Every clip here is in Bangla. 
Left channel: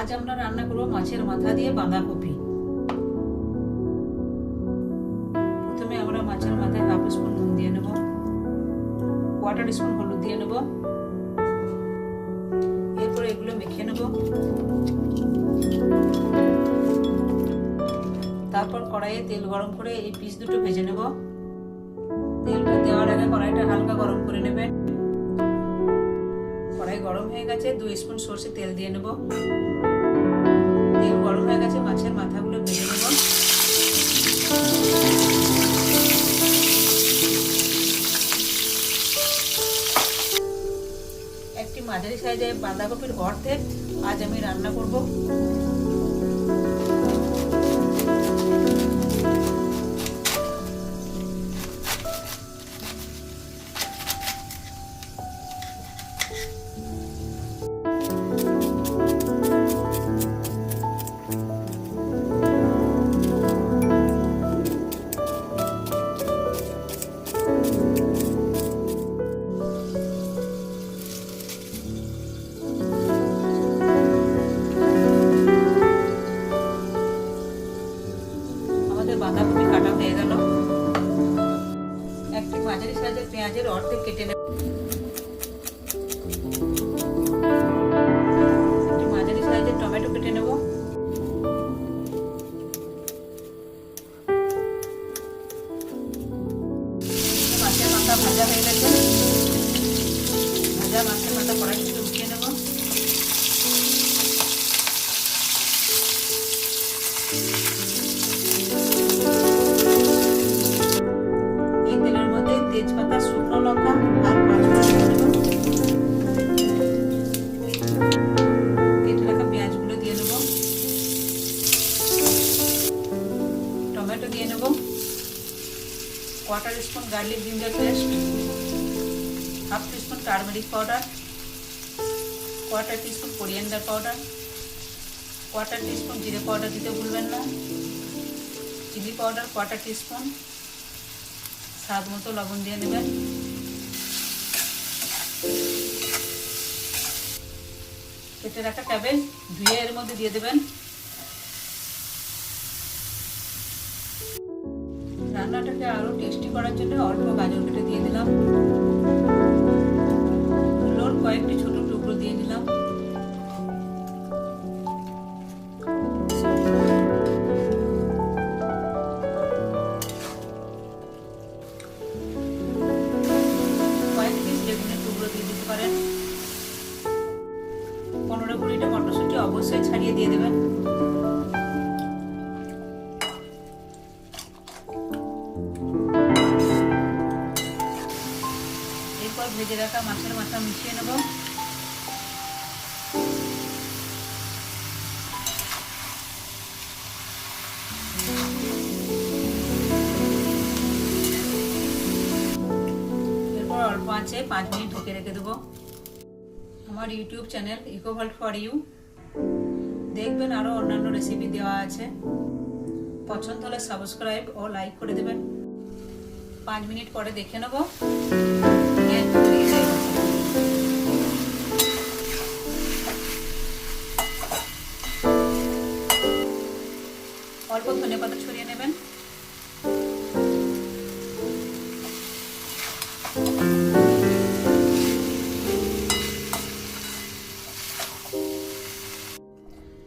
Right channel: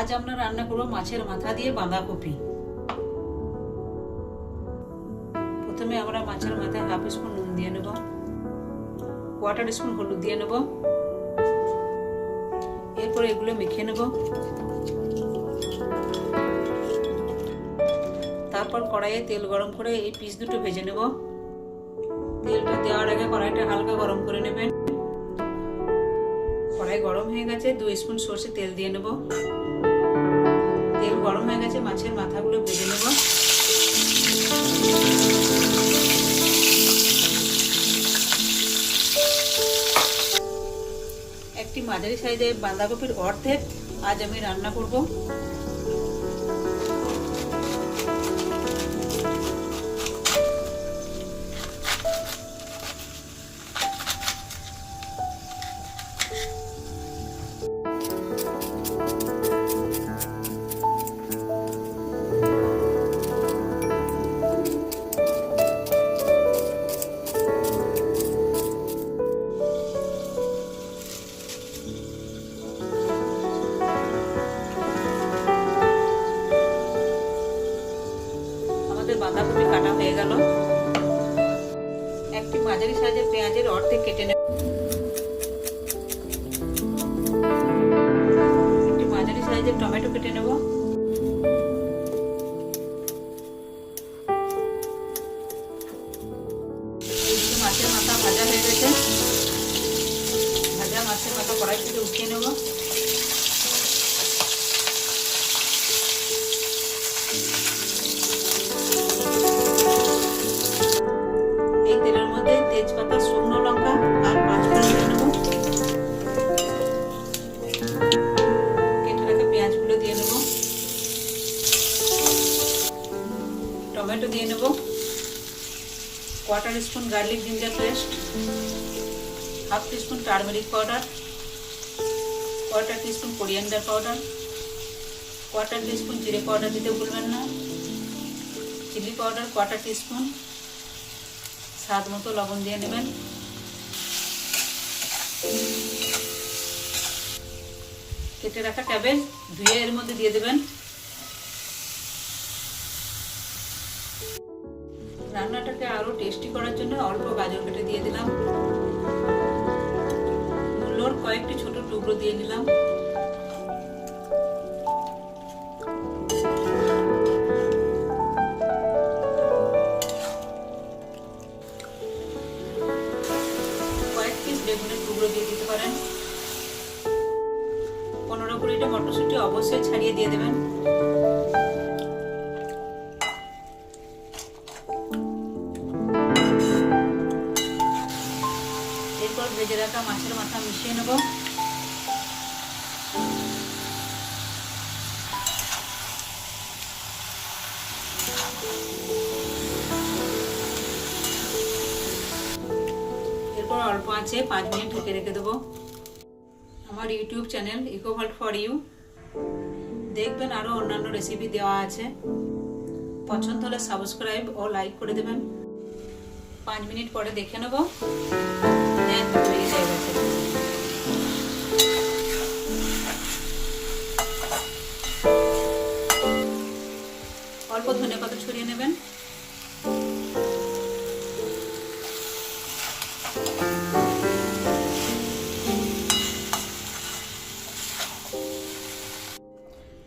আজ আমরা রান্না করব মাছের মাথা দিয়ে বাঁধাকপি। প্রথমে আমরা মাছের মাথায় হাফ স্পুন নুন দিয়ে নেব কোয়ার্টার স্পুন হলুদ দিয়ে নেব, এরপরে এগুলো মেখে নেব। তারপর কড়াইয়ে তেল গরম করে এই পিস দুটো ভেজে নেব। তেলটা দেওয়ার আগে কড়াইটা হালকা গরম করে নেবেন। কড়াই গরম হয়ে গেছে, দুই স্পুন সর্ষে তেল দিয়ে নেব। গেছে মাছের মাথাগুলো ভেজে নেব। একটি মাঝারি সাইজে বাঁধাকপির অর্ধেক আজ আমি রান্না করব। আমাদের বাঁধাকপি কাটা হয়ে গেল। একটি মাঝারি সাইজের পেঁয়াজের অর্ধেক কেটে নেব। একটি মাঝারি সাইজের টমেটো কেটে নেব। মাছের মাথা ভাজা হয়ে গেছে। ভাজা মাছের মাথা কড়াই থেকে উঠিয়ে নেব। টমেটো দিয়ে নেব। Quarter spoon garlic ginger paste half teaspoon turmeric powder quarter teaspoon coriander powder quarter teaspoon জিরে পাউডার দিতে ভুলবেন না। চিলি পাউডার কোয়ার্টার টিস্পুন স্বাদ মতো লবণ দিয়ে নেবেন। কেটে রাখা ক্যাবেজ ধুয়ে এর মধ্যে দিয়ে দেবেন। রান্নাটাকে আরও টেস্টি করার জন্য অল্প গাজর কেটে দিয়ে দিলাম। মূলোর কয়েকটি ছোট টুকরো দিয়ে দিলাম। কয়েক পিস টুকরো দিয়ে দিতে পনেরো কুড়িটা মটরশুঁটি অবশ্যই ছাড়িয়ে দিয়ে দেবেন। ভেজে রাখা মাছের মাথা মিশিয়ে নেব। এরপর অল্প আছে, পাঁচ মিনিট ঢেকে রেখে দেবো। আমার ইউটিউব চ্যানেল ইকোভাল্ট ফর ইউ। দেখবেন আরও অন্যান্য রেসিপি দেওয়া আছে। পছন্দ হলে সাবস্ক্রাইব ও লাইক করে দেবেন। পাঁচ মিনিট পরে দেখে নেব। অল্প ধনে পাতা ছড়িয়ে নেবেন?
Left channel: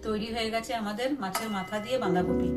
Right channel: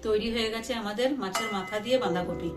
তৈরি হয়ে গেছে আমাদের মাছের মাথা দিয়ে বাঁধাকপি।